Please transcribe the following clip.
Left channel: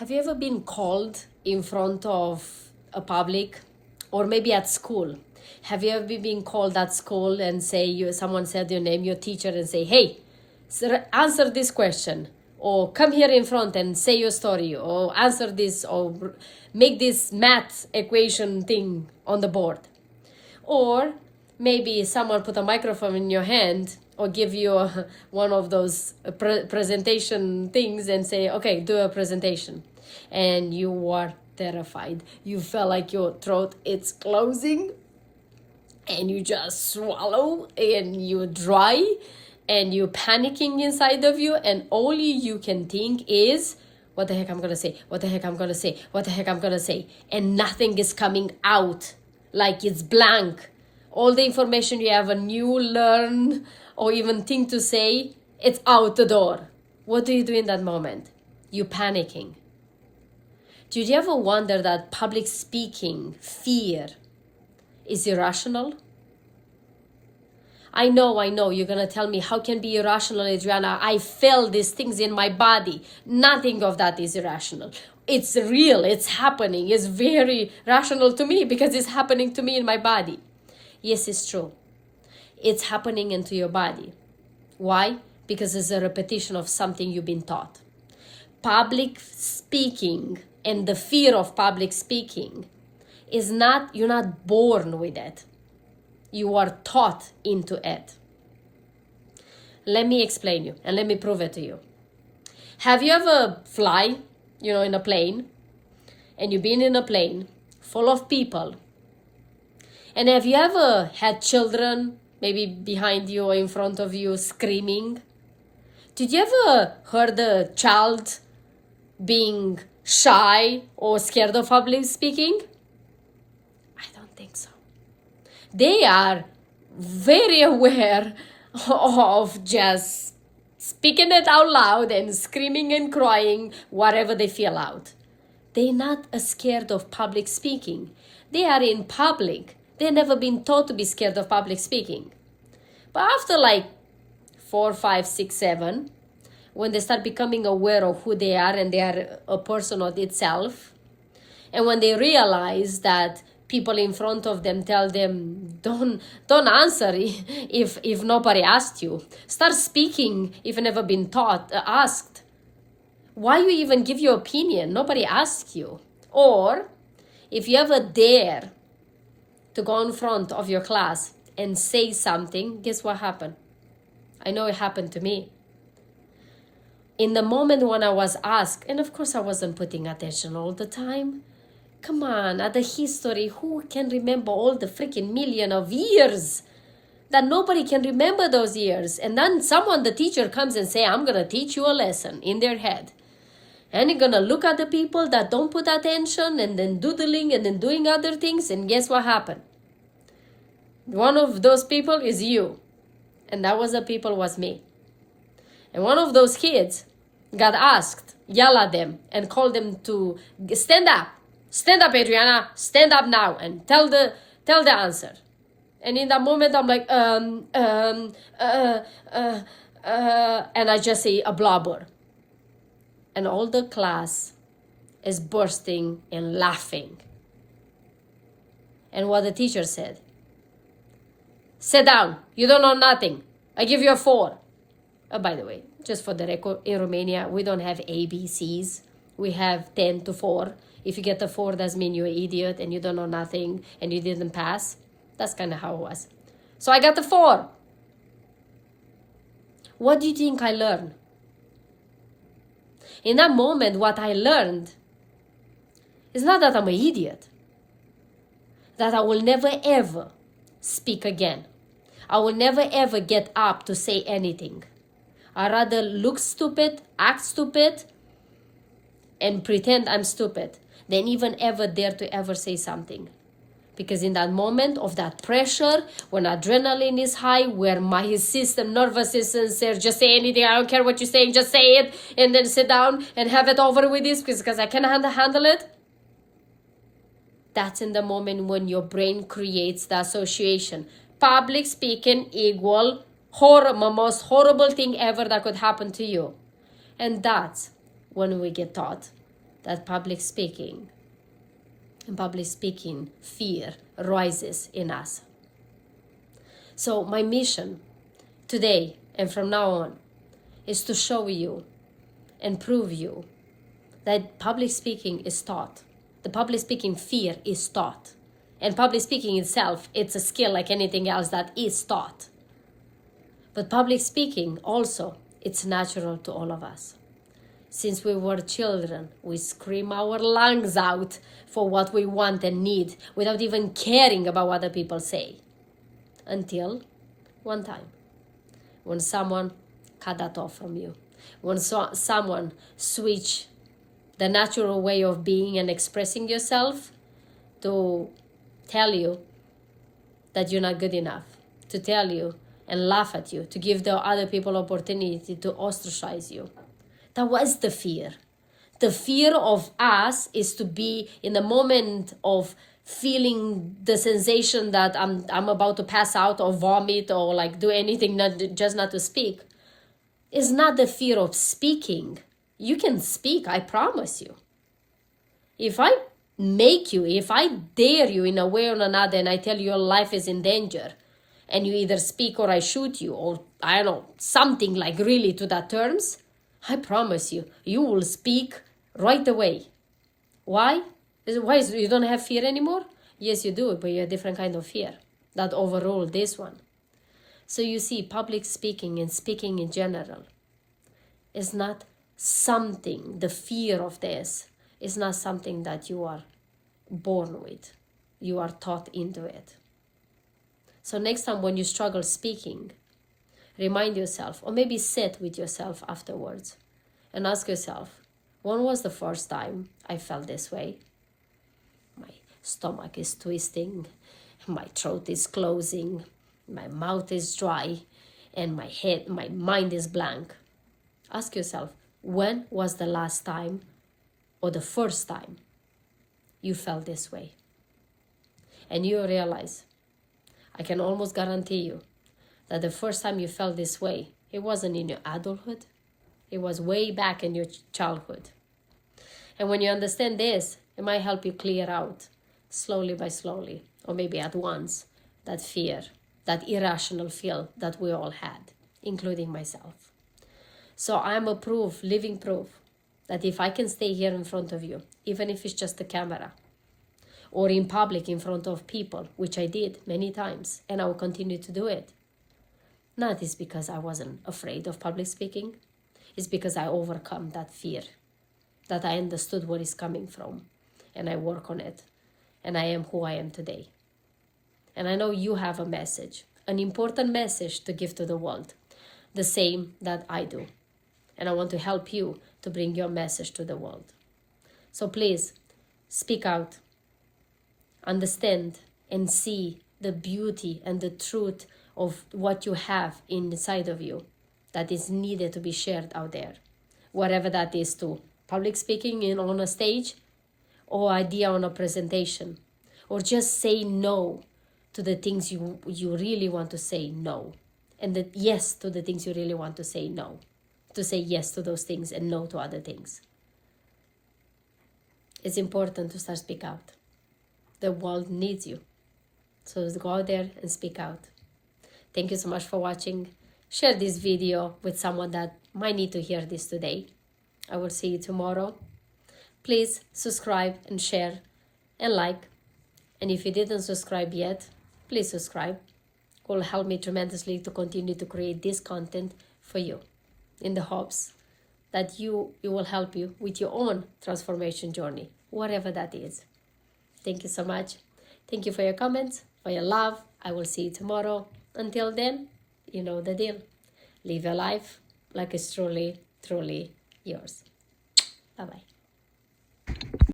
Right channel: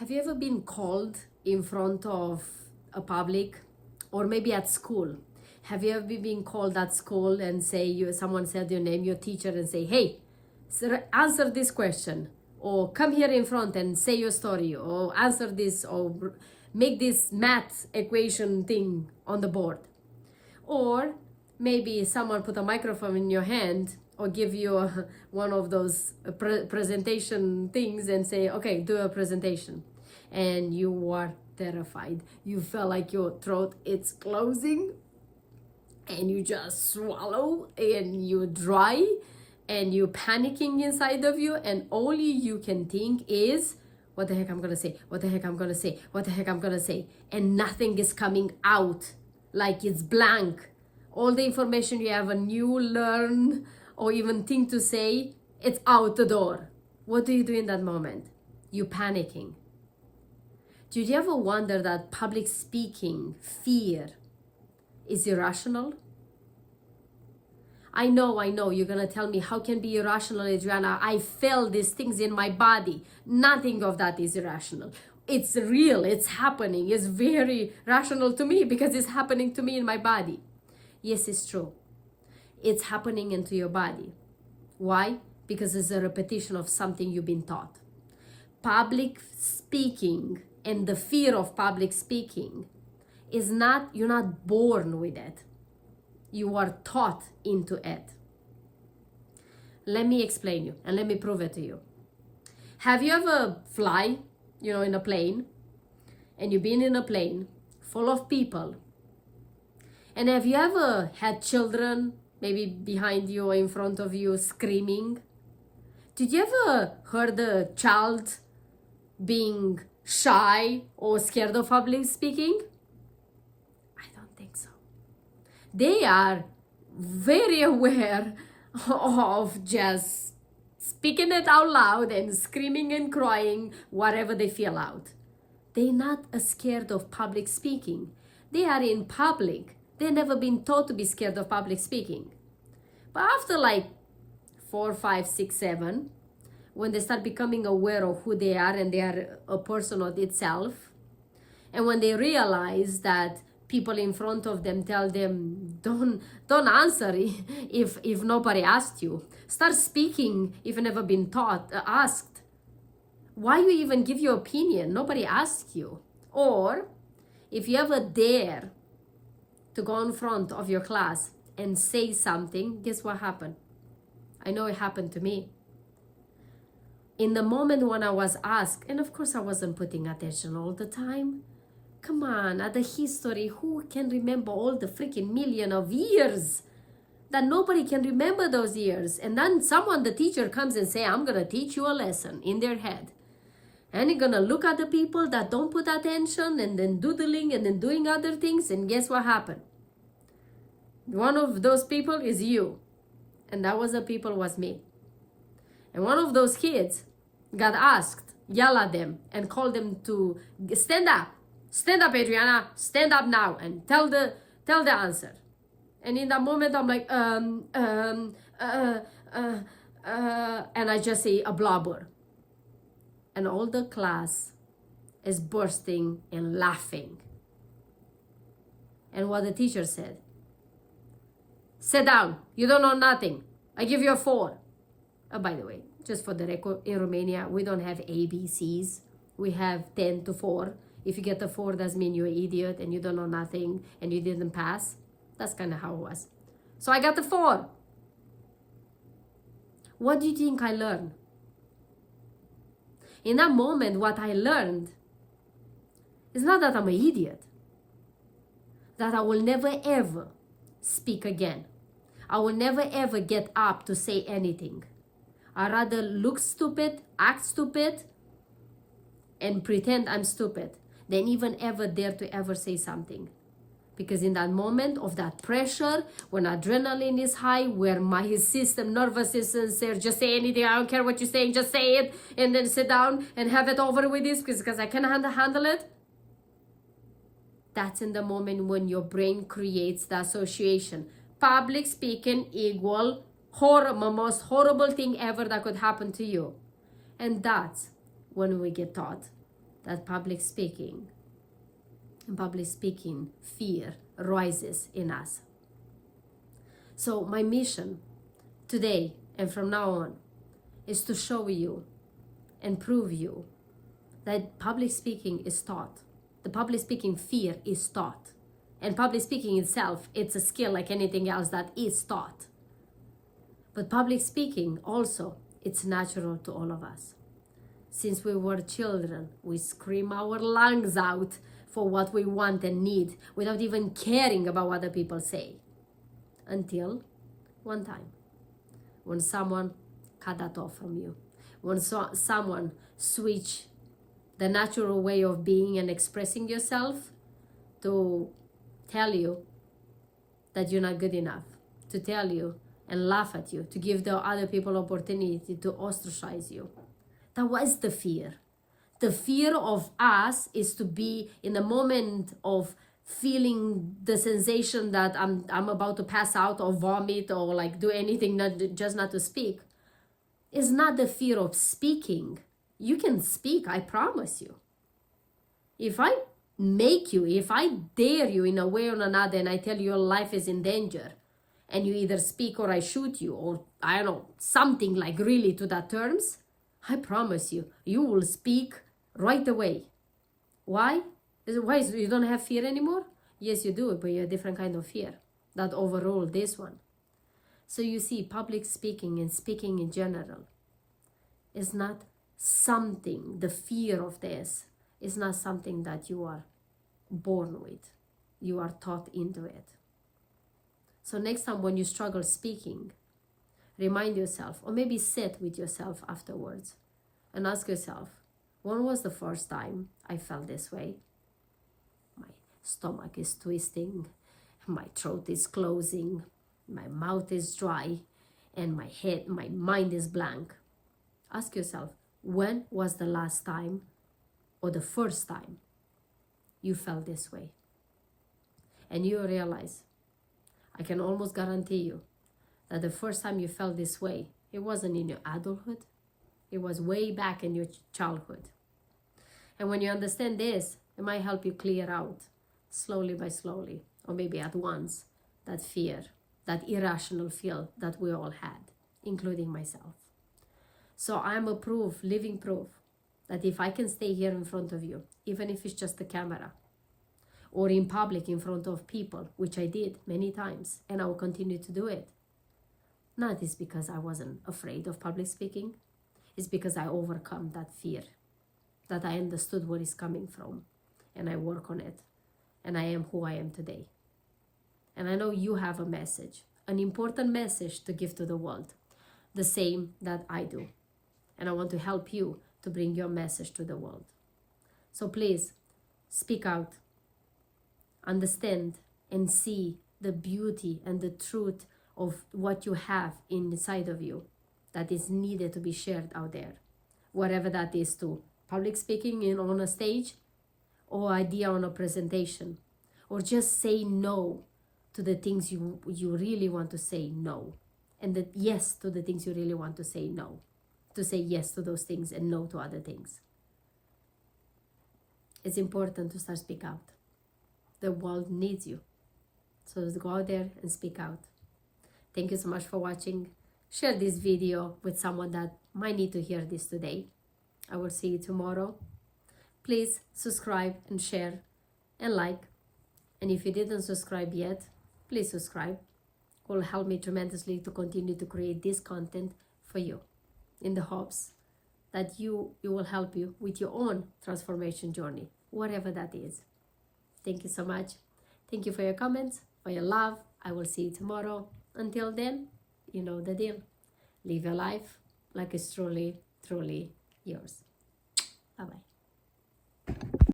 Have you ever been called in front of a public, or maybe at school? Have you ever been called at school and someone said your name, your teacher, and say, hey, sir, answer this question, or come here in front and say your story, or answer this, or make this math equation thing on the board? Or maybe someone put a microphone in your hand or give you one of those presentation things and say, okay, do a presentation. And you are terrified. You feel like your throat is closing and you just swallow and you dry and you're panicking inside of you, and all you can think is, what the heck I'm gonna say, what the heck I'm gonna say, what the heck I'm gonna say, and nothing is coming out, like it's blank. All the information you ever knew, learn, or even think to say, it's out the door. What do you do in that moment? You're panicking. Did you ever wonder that public speaking, fear, is irrational? I know, you're gonna tell me, how can be irrational, Adriana? I feel these things in my body. Nothing of that is irrational. It's real, it's happening. It's very rational to me because it's happening to me in my body. Yes, it's true. It's happening into your body. Why? Because it's a repetition of something you've been taught. Public speaking and the fear of public speaking is not, you're not born with it. You are taught into it. Let me explain you and let me prove it to you. Have you ever fly, in a plane, and you've been in a plane full of people? And have you ever had children, maybe behind you or in front of you, screaming? Did you ever heard a child being shy or scared of public speaking? I don't think so. They are very aware of just speaking it out loud and screaming and crying, whatever they feel out. They're not scared of public speaking. They are in public. They've never been taught to be scared of public speaking. But after 4, 5, 6, 7, when they start becoming aware of who they are and they are a person of itself, and when they realize that people in front of them tell them, don't answer if nobody asked you. Start speaking if you've never been asked. Why you even give your opinion? Nobody asked you. Or if you ever dare to go in front of your class and say something, guess what happened? I know it happened to me. In the moment when I was asked, and of course I wasn't putting attention all the time. Come on, at the history, who can remember all the freaking million of years? That nobody can remember those years. And then the teacher comes and say, I'm going to teach you a lesson in their head. And you're going to look at the people that don't put attention and then doodling and then doing other things. And guess what happened? One of those people is you. And that was was me. And one of those kids got asked, yell at them and call them to stand up. Stand up, Adriana. Stand up now and tell the answer. And in that moment, I'm like, and I just say a blubber. And all the class is bursting and laughing. And what the teacher said, sit down. You don't know nothing. I give you a 4. By the way, just for the record, in Romania, we don't have ABCs. We have 10 to 4. If you get a 4, that means you're an idiot and you don't know nothing and you didn't pass. That's kind of how it was. So I got a 4. What do you think I learned? In that moment, what I learned is not that I'm an idiot. That I will never ever speak again. I will never ever get up to say anything. I rather look stupid, act stupid, and pretend I'm stupid than even ever dare to ever say something. Because in that moment of that pressure, when adrenaline is high, where my nervous system says, just say anything, I don't care what you're saying, just say it, and then sit down and have it over with this because I can't handle it. That's in the moment when your brain creates the association. Public speaking equal most horrible thing ever that could happen to you. And that's when we get taught that public speaking and public speaking fear rises in us. So my mission today and from now on is to show you and prove you that public speaking is taught. The public speaking fear is taught. And public speaking itself, it's a skill like anything else that is taught. But public speaking also, it's natural to all of us. Since we were children, we scream our lungs out for what we want and need without even caring about what other people say. Until one time, when someone cut that off from you, when someone switched the natural way of being and expressing yourself to tell you that you're not good enough, to tell you and laugh at you, to give the other people opportunity to ostracize you. That was the fear. The fear of us is to be in the moment of feeling the sensation that I'm about to pass out or vomit or like do anything, just not to speak. It's not the fear of speaking. You can speak, I promise you. If I make you, if I dare you in a way or another and I tell you your life is in danger and you either speak or I shoot you or I don't know, something like really to that terms, I promise you, you will speak right away. Why? Why? You don't have fear anymore? Yes, you do, but you're a different kind of fear that overruled this one. So you see, public speaking and speaking in general is not something, the fear of this is not something that you are born with. You are taught into it. So next time when you struggle speaking, remind yourself, or maybe sit with yourself afterwards and ask yourself, when was the first time I felt this way? My stomach is twisting, my throat is closing, my mouth is dry, and my mind is blank. Ask yourself, when was the last time or the first time you felt this way? And you realize, I can almost guarantee you that the first time you felt this way, it wasn't in your adulthood. It was way back in your childhood. And when you understand this, it might help you clear out slowly by slowly, or maybe at once, that fear, that irrational feel that we all had, including myself. So I'm a living proof, that if I can stay here in front of you, even if it's just a camera, or in public in front of people, which I did many times, and I will continue to do it, not is because I wasn't afraid of public speaking, it's because I overcome that fear, that I understood where it's coming from, and I work on it, and I am who I am today. And I know you have a message, an important message to give to the world, the same that I do. And I want to help you to bring your message to the world. So please, speak out, understand and see the beauty and the truth of what you have inside of you that is needed to be shared out there. Whatever that is, to public speaking on a stage, or idea on a presentation, or just say no to the things you really want to say no, and the yes to the things you really want to say no, to say yes to those things and no to other things. It's important to start speak out. The world needs you. So go out there and speak out. Thank you so much for watching. Share this video with someone that might need to hear this today. I will see you tomorrow. Please subscribe and share and like. And if you didn't subscribe yet, please subscribe. It will help me tremendously to continue to create this content for you, in the hopes that it will help you with your own transformation journey, whatever that is. Thank you so much. Thank you for your comments, for your love. I will see you tomorrow. Until then, you know the deal. Live your life like it's truly, truly yours. Bye-bye.